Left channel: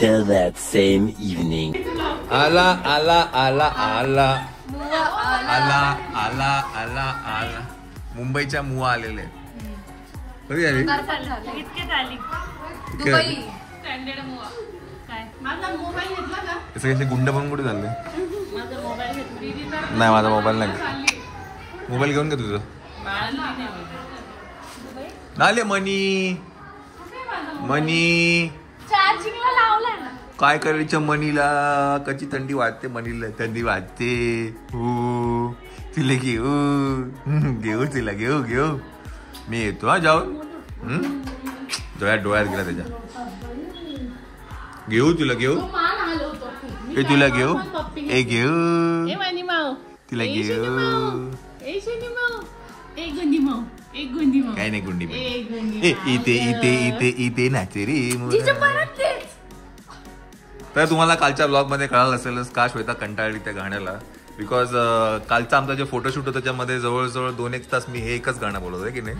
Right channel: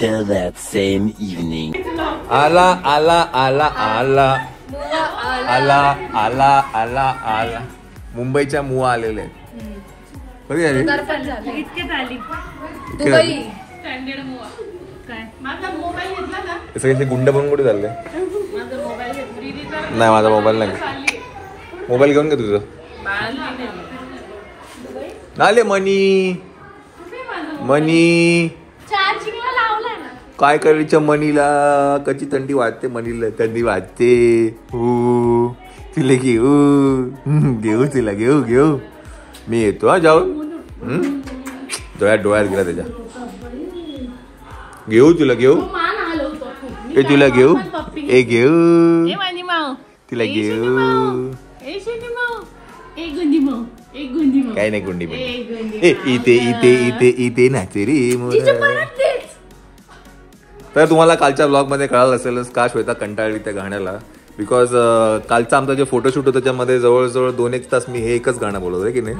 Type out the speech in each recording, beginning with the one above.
Later that same evening. आला आला आला आला आला आला आला आला मुंबईच्या मुआ आलेले कधी आले सगळे गुंड पण कुठे चालले नाही माझा मोबाईल नाही मोबाईल घेऊन का तुझं नाले मनी मनी काय करायचं मनीला कशी थंडी वाजते मनीला थंडी वाजते तिला घेऊ घेऊ तिला घेऊ घेऊ मी येतो हा जाऊ डोळ्यात गेला त्याच्या घेऊ तुला घेऊ ए तुला घेऊ ए घेऊ तिला घेऊ काय नाही गुंडी इथे इथे इथे इथे नाचे रे तर तुम्हाला कालच्या ब्लॉग मध्ये कळालं असेलच का श्वेता कंटाळली त्या गाण्याला बिकॉज कालचा आमचा जे फोटोशूट होता त्याच्यामध्ये जवळजवळ 2-1 तास मी हे एकच गाणं बोलत आहे की नाही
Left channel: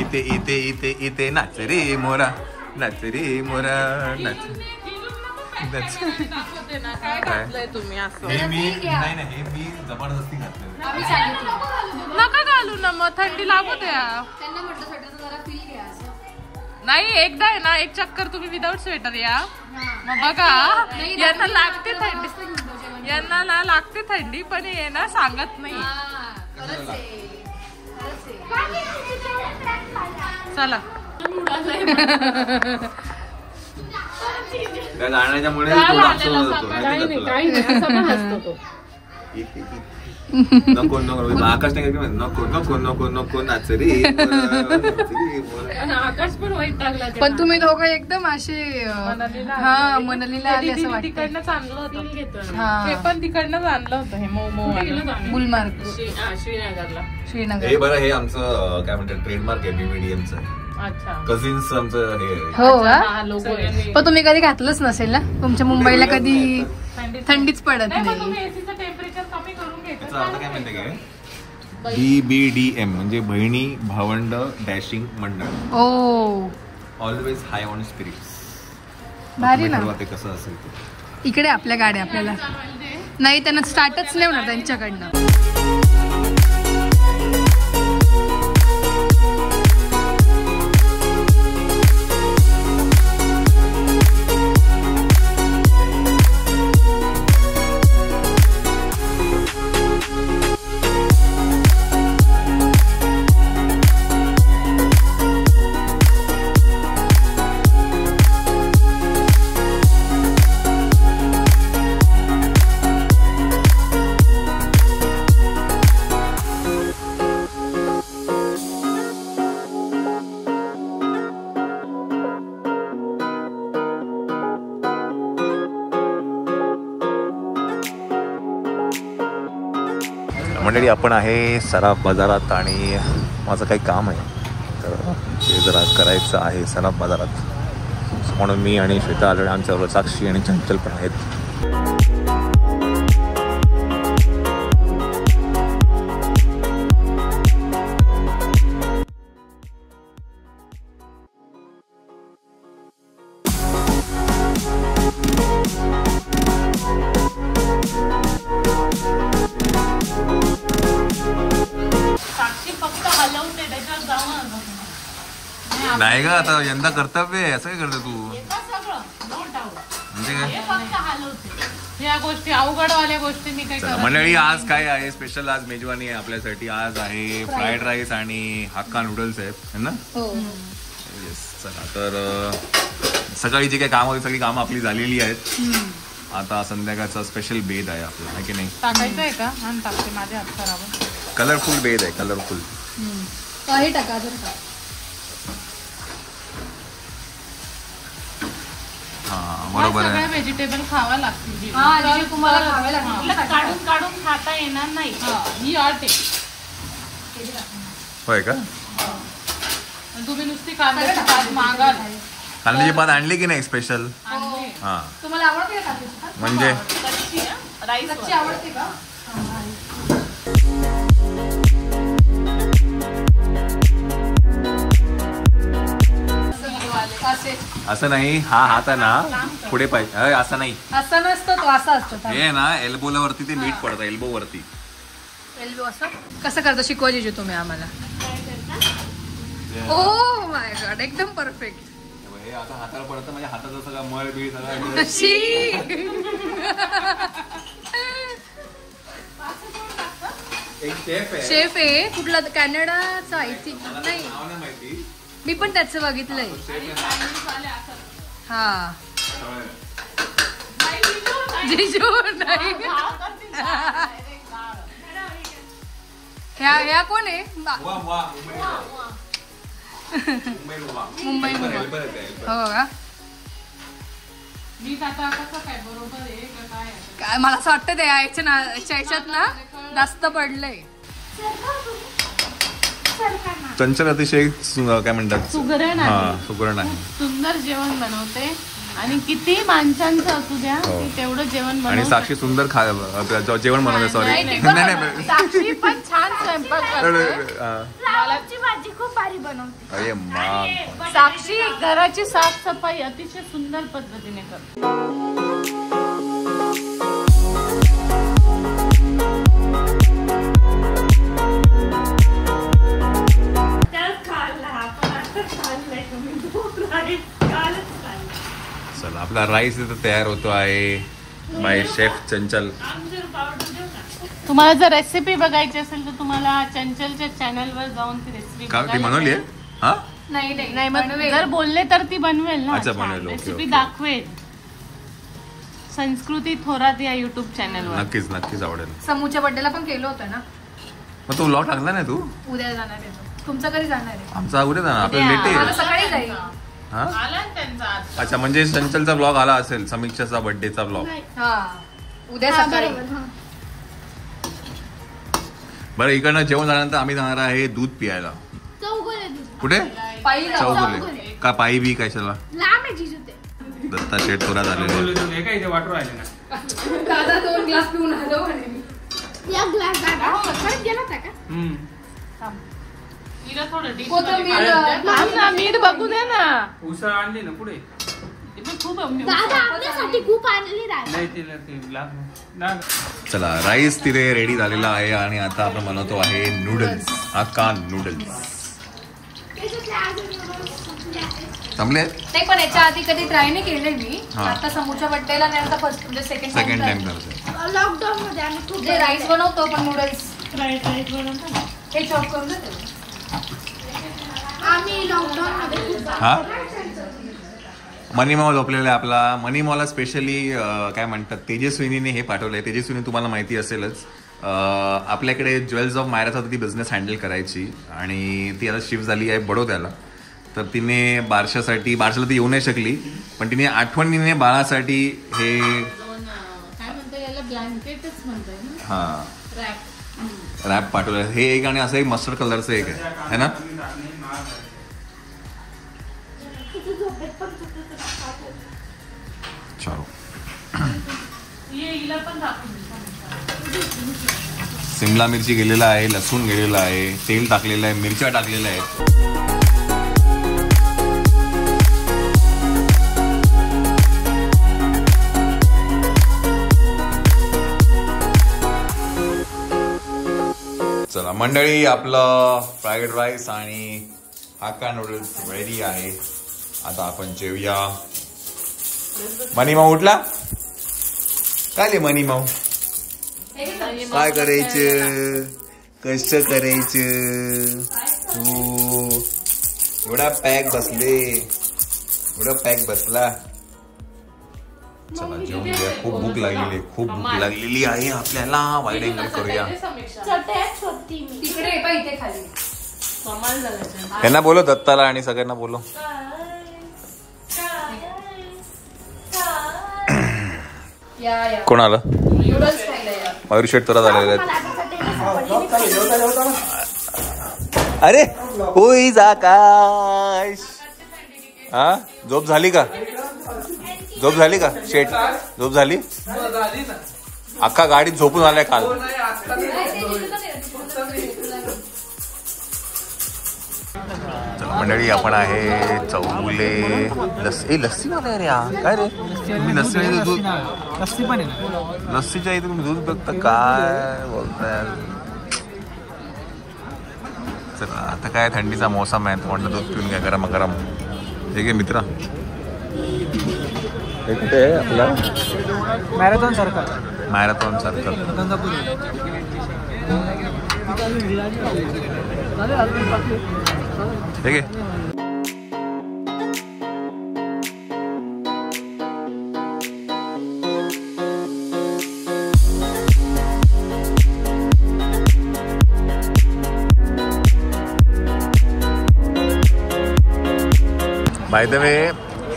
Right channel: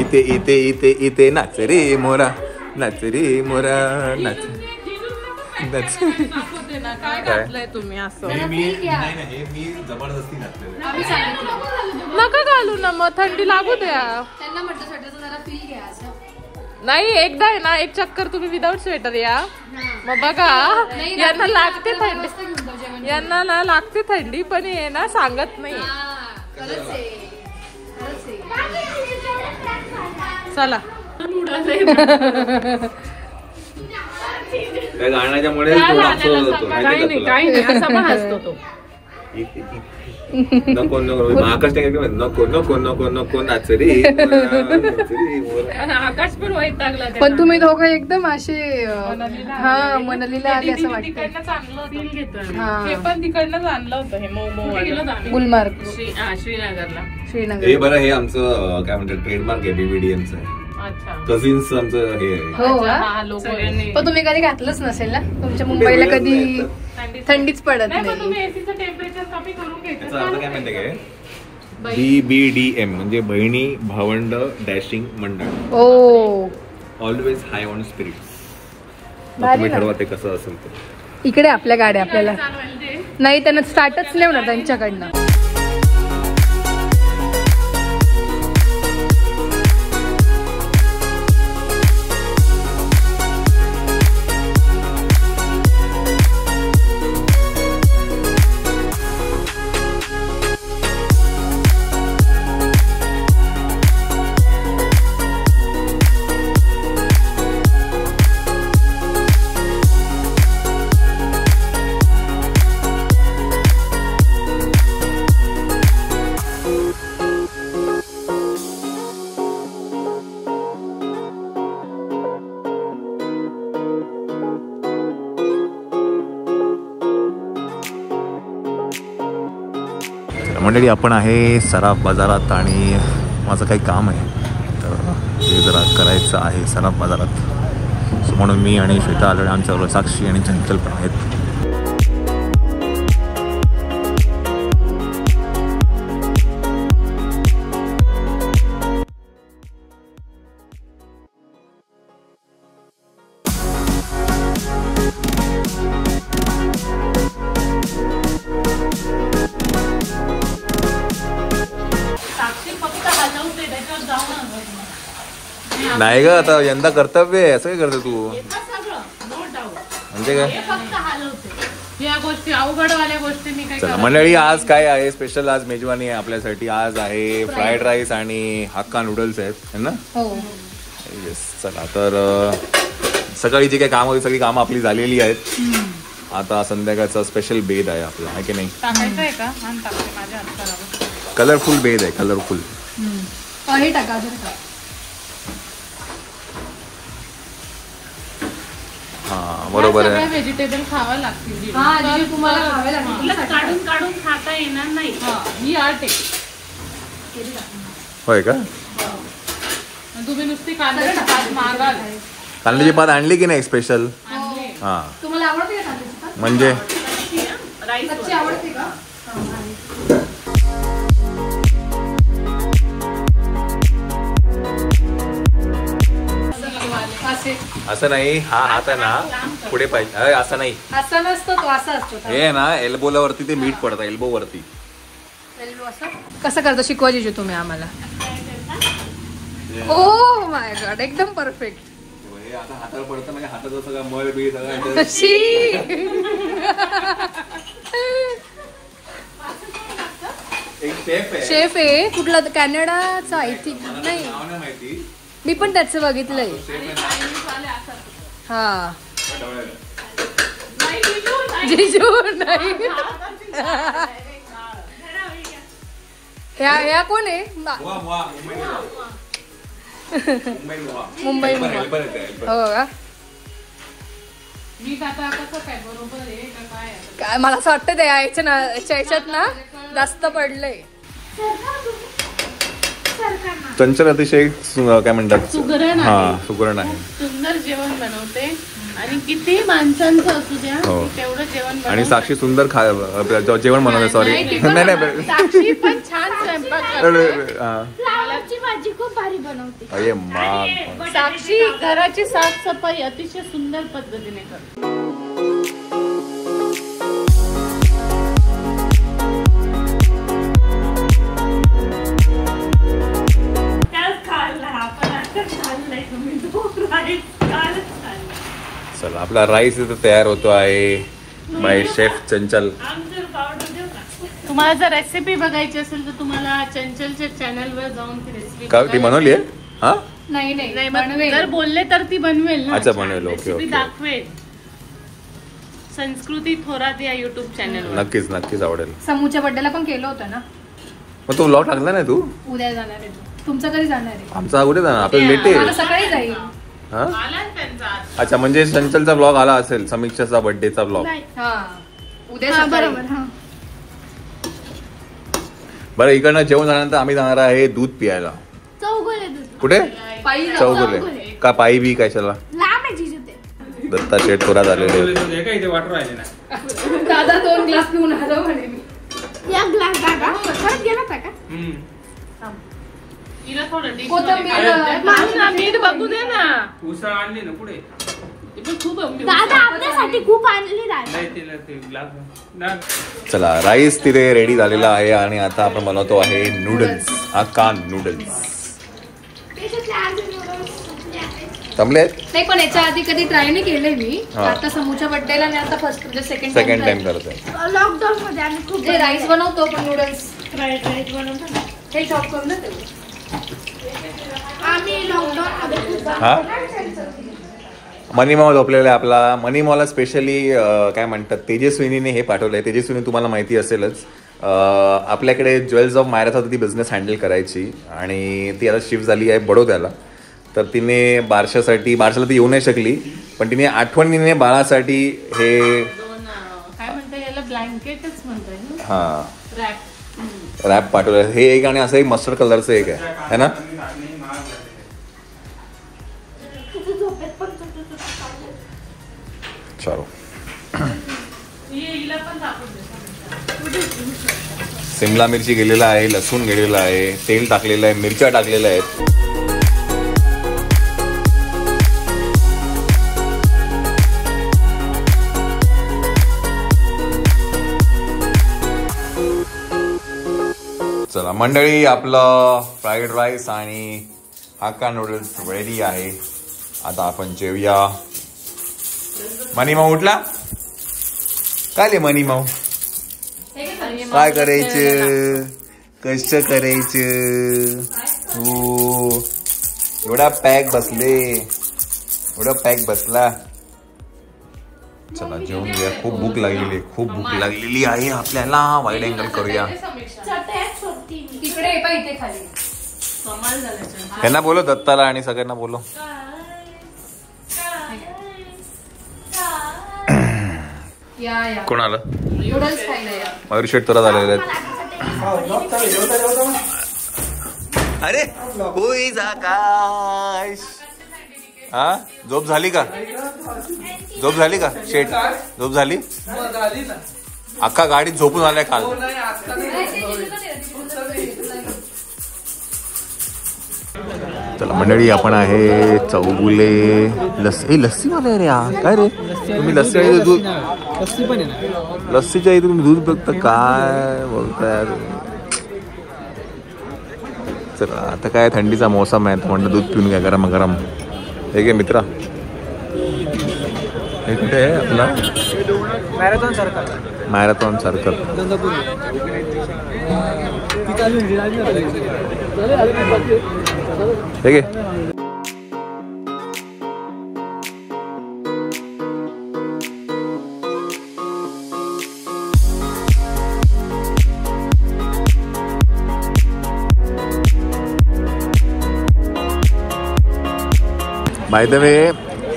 इथे इथे इथे इथे नाच रे मोरा नाच रे मोरा नाच काय मी जबरदस्ती नका घालू ना मग थंडी लागू द्या नाही एकदा आहे ना एक चक्कर तुम्ही विदाउट स्वेटर या मग बघा यांना लागते थंडी यांना ना लागते थंडी पण हे ना सांगत नाही चला त्या गाण्याच्यामुळे नको नको आकाश नको नको नको नको नाच रे पण तुम्ही दोघं एकदम असे हा मनालीला आले असं वाटतं पण तिकडनं आणलं होतं हे गुलमार्ग श्रीनगर हे बरं हे आमचं काय म्हणतात ट्रेडमार्क आहे बीबीडीएमचं कझिन्स आमचं हे हो पण तुम्ही कधी घातलंच नसेल ना तुमच्या मुंबईला कधी थंडीच पडत नाही काय म्हणते काय BBDM म्हणजे बहिणी भावंड डॅशिंग मंडळ ऑलवेज हाय ऑन स्पिरिट्स तुम्ही ठरवा ते कसं असेल ते इकडे आपल्या गाड्या आपल्याला नाही त्यांना स्टार्टच नाही होणार त्यांच्याकडनं मंडळी आपण आहे सराफ बाजारात आणि माझं काही काम आहे तर ते जरा करायचं आहे सराफ बाजारात म्हणून मी आणि श्वेता आलो आमच्याबरोबर साक्षी आणि चंचल पण आहेत नाही ग आता यंदा कर्तव्य आहे असं काय करते तू म्हणजे काय चला मंडळी आज काय आहे स्पेशल आज मेजवानी आहे आपल्यासाठी आज आहे फ्राईड राईस आणि हक्का नूडल्स आहेत है ना येस चला तर सकाळी जी काही काम होती सगळी कामं आपली झालेली आहेत आता संध्याकाळचा स्पेशल बेद आहे आपला आहे की नाही कलरफुल बेद आहे कलरफुल हा बरोबर आहे व्हेजिटेबल खावा लागतील तुम्हाला खावे लागतील काढून काढून खाता येणार नाही ही आर्ट आहे होय का तुम्ही नुसती कांद्याची पात मागाल कांद्याची पात आणली की नाही स्पेशल हा तुम्हाला आवडते का कांद्याची पात म्हणजे कच्ची आवडते का असे असं नाही, हा हात आहे ना पुढे पाहिजे, असं नाही, असं नसतो तो, असा असतो. हे ना एल्बोला वरती ते मीठ पडतं, एल्बो वरती. कसं करता शिकवा जिजू तुम्ही आम्हाला. ओ माय गॉड, एकदम परफेक्ट. हे आता हातावर पडतं म्हणजे हाताचं सगळं मळ बीळ सगळं. शेफ आहे कुठला, कॅनडाचा आय थिंक. नाही मी पण त्याचं बघितलंय. हा जिजू नाही. ह्या कोण आहे. मुंबई. हो का. काय मला असं वाटतं ते याच्यात ना जास्त पडलंय. चंचल अतिशय काय म्हणतात, सुगरण आहे. सुंदर जेवण बनवते आणि किती माणसांचं असू द्या तेवढं जेवण. आणि साक्षी सुंदर जेवण बनवते. सॉरी नाही साक्षी पण छान स्वयंपाक. फ्लावरची भाजी खूप भारी बनवते. अरे मा. साक्षी घराची साफसफाई अतिशय सुंदर पद्धतीने करते. चला आपला राईस इथं तयार होतो आहे बाय शेफ चंचल. तुम्हाला जर रेसिपी बघायची असेल तर तुम्हाला चंचलच्या चॅनलवर जाऊन ती रेसिपी. का ती बनवली आहे. हा नाही जर बोलले तर ती बनवेल ना. अच्छा बनवेल. ओके दाखवेल. संस्कृती थोरात या युट्यूब चॅनल. नक्कीच आवडेल. समूच्या बर्थडेला पण केलं होतं ना. मग तू व्लॉग टाकला नाही. तू उद्या जाणार आहे. तुमचं कधी जाणार आहे. आमचा कुठे जाणार, आपलं लेट आहे. सकाळी जाईल. अच्छा म्हणजे चंचलचा ब्लॉग आला असेल, समीक्षाचा बर्थडेचा ब्लॉग. उद्या बरं इकडनं जेवण झाल्यानंतर आम्ही जाणार आहे दूध पियायला. कुठे. चौगुले का पायी बी कशाला. दत्ता शेठ थोरात आलेले. दादा 2 ग्लास पिऊन आलो. मीठ बघू दे ना. उसळ आणली ना पुढे. चला राईस तिथे रेडी झालेला आहे आणि आता आपण बनवतो आहे नूडल्स. Hakka noodles. जमले नाही पण याच्या आधी कधी ट्राय नाही केले मी. आता समूच्या बर्थडेला नाही, आता फर्स्ट म्हणजे सेकंड टाइम करतोय. जे राईस बनवतो पण नूडल्स हे चॉप करून देते. हा मनी मॉल झोपलेला आहे आपला. मनी मॉलला स्पेशली काय म्हणतात तेजस्विनीने हे पाठवलंय. तेजस्विनी तुम्हाला माहिती असेलच, आपल्याकडे ज्वेल्स ऑफ मायराचा ती बिझनेस हँडल करायची आणि ती आता शिफ्ट झाली आहे बडोद्याला. तर तिने बारशाला ती येऊ नाही शकली, पण तिने आठवणीने बाळासाठी हे रॅप पाठवलं. हे एक आणि असं एक मस्टर्ड कलरचं एक आहे ना. चलो शिमला मिरची गेलेला आहे, लसूण गेलेला आहे, तेल टाकलेलं आहे, मिरच्या टाकलेल्या आहेत. चला मंडळी आपलं फ्राईड राईस आणि हक्का नूडल्स रेडी आहे. आता आपण जेवूया. मनी माऊ उठला काय रे. मनी माऊ काय करायचं, कसं करायचं. हो एवढा पॅक बसला. चला जेवून घ्या. खूप भूक लागलेली आहे आपल्याला. वाईड अँगल करूया. त्यांना बोलो, दत्ताला आणि सगळ्यांना बोलो. कोण आलं. मयूर शेठ तुला झालेले आहेत. अरे होई आकाश. हा झोप झाली का शेठ. झोप झाली. अख्खा गाडीत झोपून आलाय काल. चला मंडळी, आपण आहे चौगुले लस्सी. लस्सीवाले रे काय रे तुम्ही? लस्सी दूध, लस्सी पण आहे ना? लस्सीच्या इथे तुम्ही दूध बघता काय बोलताय? चला आता काय थंडीचा मोसम आहे, म्हणलं दूध पिऊन घ्या गरम गरम. हे घे मित्रा, marathon circle. Marathon circle Gangapur. हे घे. बाय द वे,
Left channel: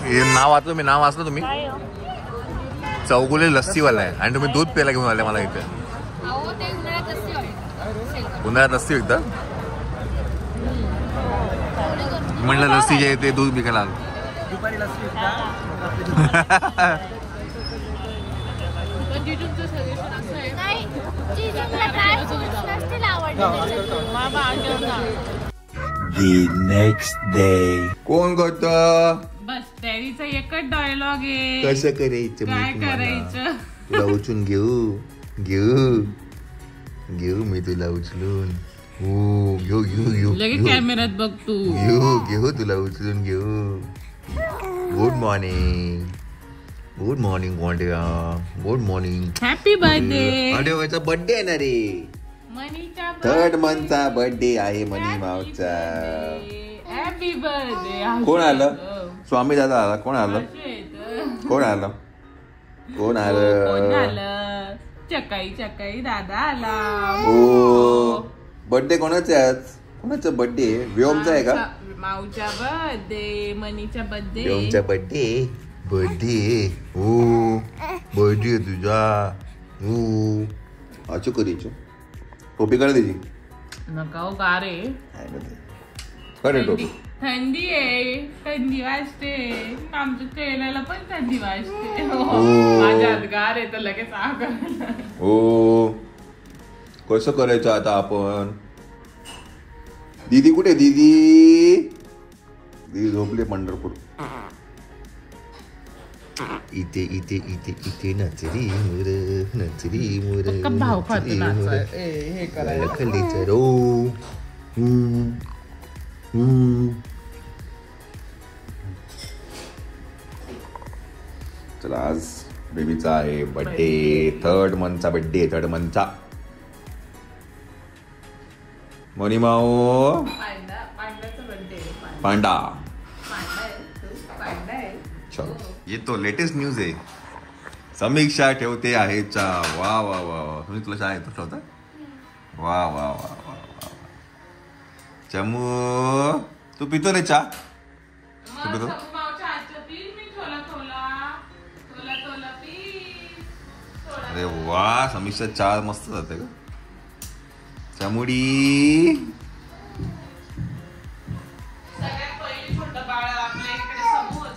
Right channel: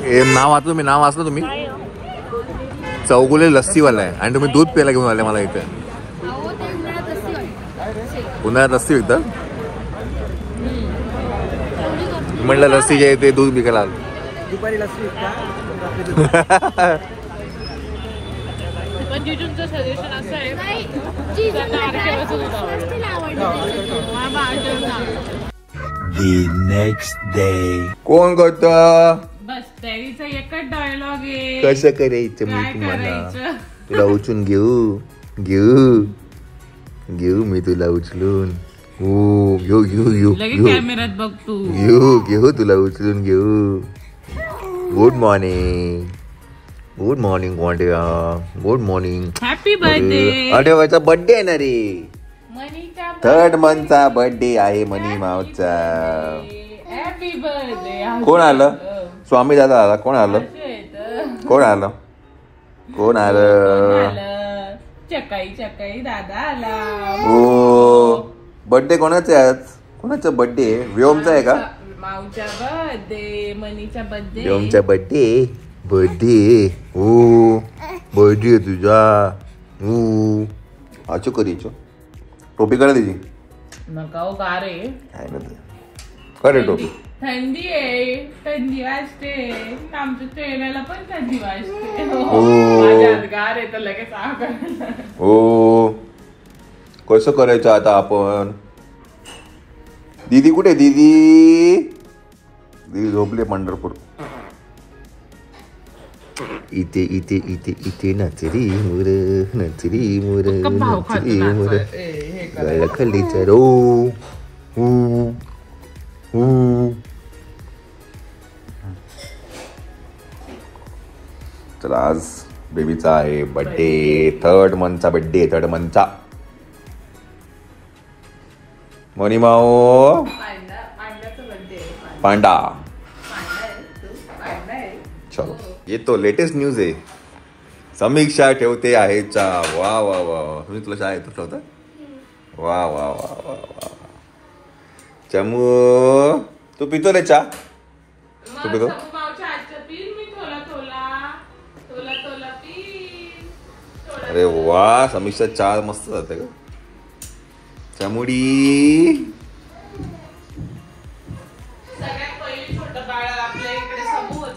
हे नाव वाचलं मी, नाव वाचलं तुम्ही? चौगुले लस्सीवाला आहे आणि तुम्ही दूध प्यायला घेऊन आले मला इथे. उन्हाळ्यात लस्सी विकतात? म्हणलं लस्सीच्या इथे दूध विकायला आलो. दुपारी लस्सी सजेशन असं आहे, The next day. कोण करत? बस त्याचा एकच डायलॉग आहे. कसं करायचं? काय मी तुम्हाला करायचं? तुला उचलून घेऊ घेऊ घेऊ मी तुला उचलून. हो घेऊ घेऊ घेऊ लगेच घेऊ कॅमेऱ्यात बघ तू. घेऊ घेऊ तुला उचलून घेऊ. गुड मॉर्निंग, गुड मॉर्निंग गोंड्या, गुड मॉर्निंग. Happy birthday. अरे वाचा बर्थडे आहे ना रे. मनीचा 3rd मंथचा बर्थडे आहे मनी मावचा. Happy birthday. कोण आलं? स्वामी दादा आला. कोण आलं? कोण आलं? कोण आलं? चकाई चकाई दादा आला. हो, बर्थडे कोणाचा आहे आज? कोणाचा बर्थडे आहे? व्योमचा आहे का? माऊचा बर्थडे, मनीचा बर्थडे. व्योमचा बर्थडे. बर्थडे हो, बर्थडे तुझा. हो आचो कधीचो टोपी करा तिची. नका हो का रे, खरे टोपी. थंडी आहे, थंडी वाजते. आमच्या तेलाला पण थंडी वाजते. माझ्या हात गार आहे तर लगेच आग. हो कसं करायचं आता आपण? दीदी कुठे? दीदी दीदी झोपले पंढरपूर. इथे इथे इथे इथे नचरी मुर, नचरी मुर, नचरी मुर गळखली चरो. चला आज बेबीचा आहे बर्थडे. 3rd मंथचा बर्थडे. 3rd मंथचा. मनी माओ पांडा. येतो लेटेस्ट न्यूज आहे. समीक्षा ठेवते आहे चहा. वा वा वा वा. तुम्ही तुला चहा येतो ठेवता? वा वा वा वा वा. चमू तू पितो रे चहा? तू पितो? अरे वा, समीक्षा चहा मस्त जाते का? चमुडी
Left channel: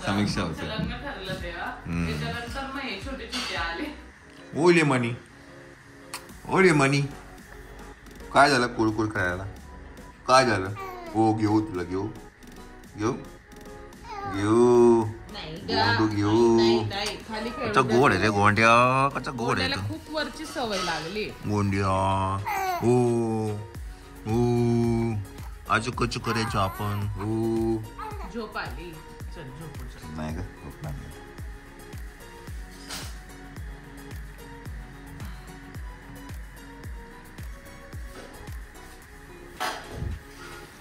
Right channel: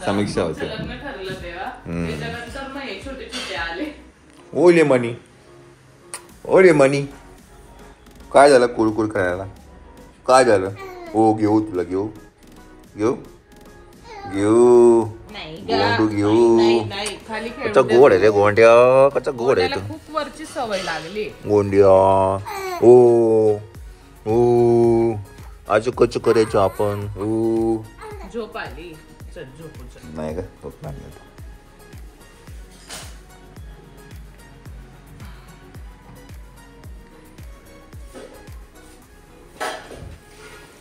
समीक्षा होते. ओले मनी, ओले मनी. काय झालं कुळकुळ करायला? काय झालं? हो घेऊ तुला, घेऊ घेऊ घेऊ गोंडू घेऊ. कच्चा गोड आहे रे गोंड्या, कच्चा गोड आहे तो. खूप वरची सवय लागली गोंड्या. ओ ओ आजू कच्चू करायचो आपण. ओ झोप आली. चल झोप. नाही का झोप नाही.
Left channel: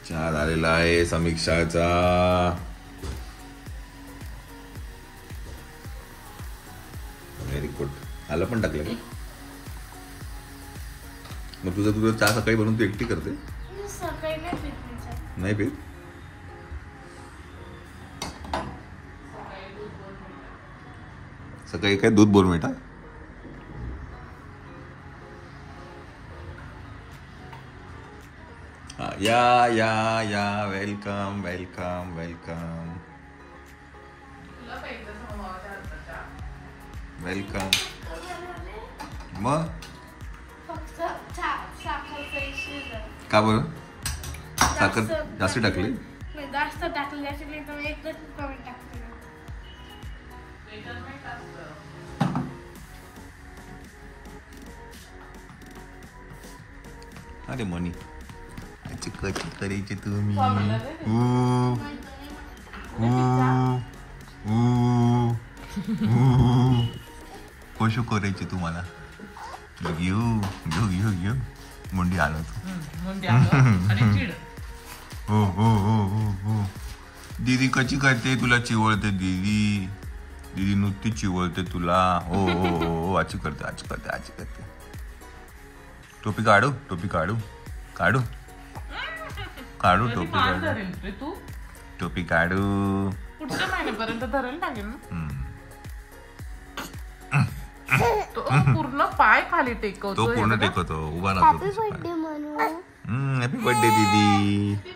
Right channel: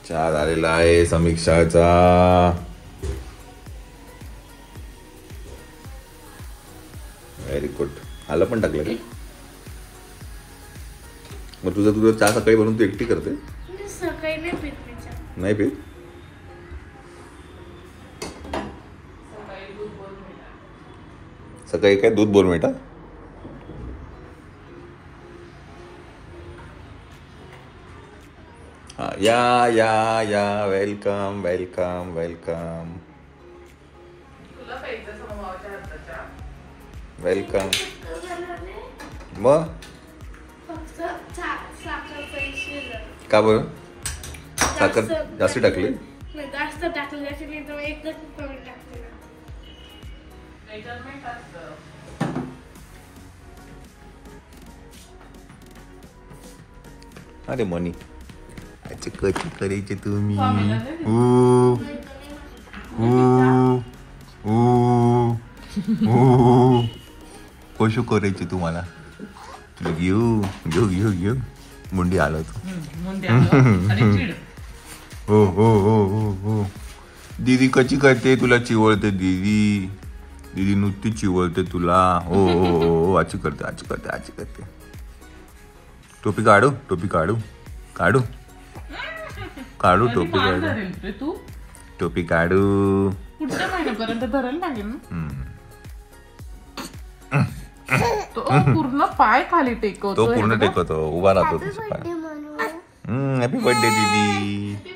चहा झालेला आहे समीक्षाचा. Very good. आलं पण टाकलं का? मग तुझं चहा सकाळी बनवून तू एकटी करते? सकाळी नाही पीत. नाही पीत? सकाळी काय दूध बोलून बेटा? या या या. Welcome welcome welcome welcome. मग का बरं? साखर जास्त टाकली? जास्त टाकले असे नाही तर एकदम कमी टाकते. अरे मनी अच्छा कशी करायचे तुम्ही कशी करायचे तुम्हाला घेऊ घेऊ घेऊ घेऊ मुंडी आलो तू हो हो हो हो हो दीदी कशी करते तुला चिवळते दीदी दीदी नुसती चिवळते तुला हो हो हो आची करते आची करते आची करते टोपी काढू टोपी काढू काढू काढू टोपी काढू तू टोपी काढू पुढच्या महिन्यापर्यंत धरायला लागेल ना. तो पूर्ण पाय खाली टेकवतो. तो पूर्ण टेकवतो उभा राहतो हॅपी बर्थडे दीदी